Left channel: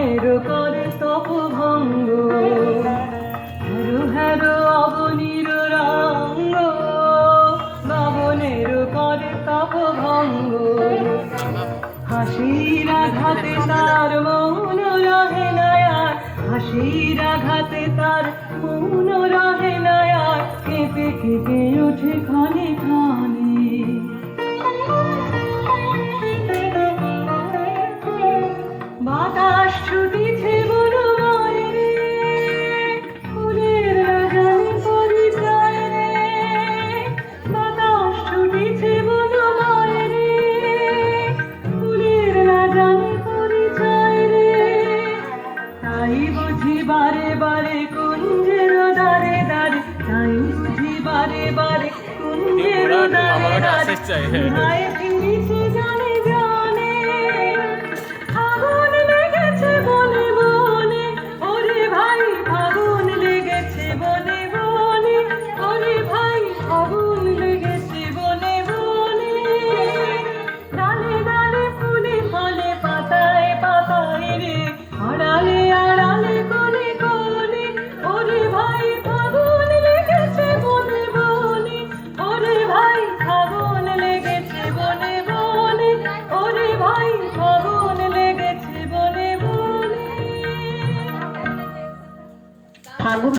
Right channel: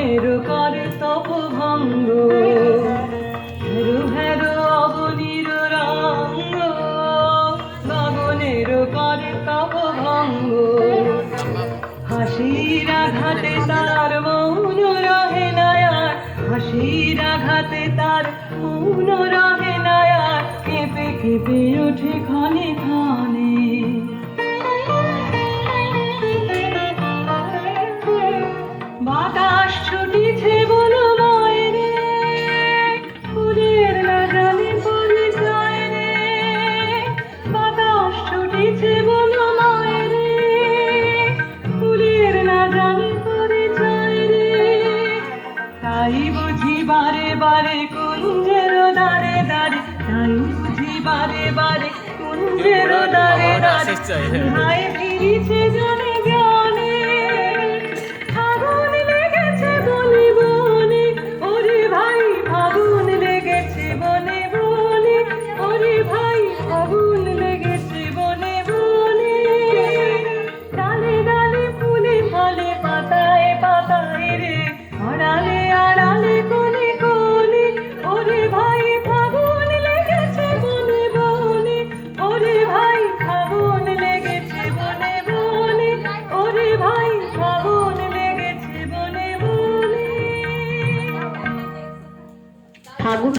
ফাগুনের করতপ ভঙ্গ, হেরো হেরো অবনীর রঙ্গ, গগনের করতপ ভঙ্গ। হাসির আঘাতে তার মৌন রহে নয়ার, হাসির আঘাতে তার মৌন রহে নয়ার, কেঁপে কেঁপে ওঠে ক্ষণে ক্ষণে। বাতাস ছুটিছে বনময় রে, ফুলের রাজারে পরিচয় রে। বাতাস ছুটিছে বনময় রে, ফুলের রাজারে পরিচয় রে। তাই বুঝি বারে বারে কুঞ্জের দ্বারে দ্বারে, তাই বুঝি বারে বারে কুঞ্জের দ্বারে দ্বারে, মায়ে ফিরিছে জানে জ্ঞানে। আগুন লেগেছে বনে বনে, ওরে ভাই আগুন লেগেছে বনে বনে, ওরে ভাই আগুন লেগেছে বনে বনে। ডালে ডালে ফুলে ফলে পাতায় পাতায় রে, আড়ালে আড়ালে কোণে কোণে, ওরে ভাই আগুন লেগেছে বনে বনে, ওরে ভাই আগুন লেগেছে বনে বনে, ওরে ভাই আগুন লেগেছে বনে বনে। ফাগুন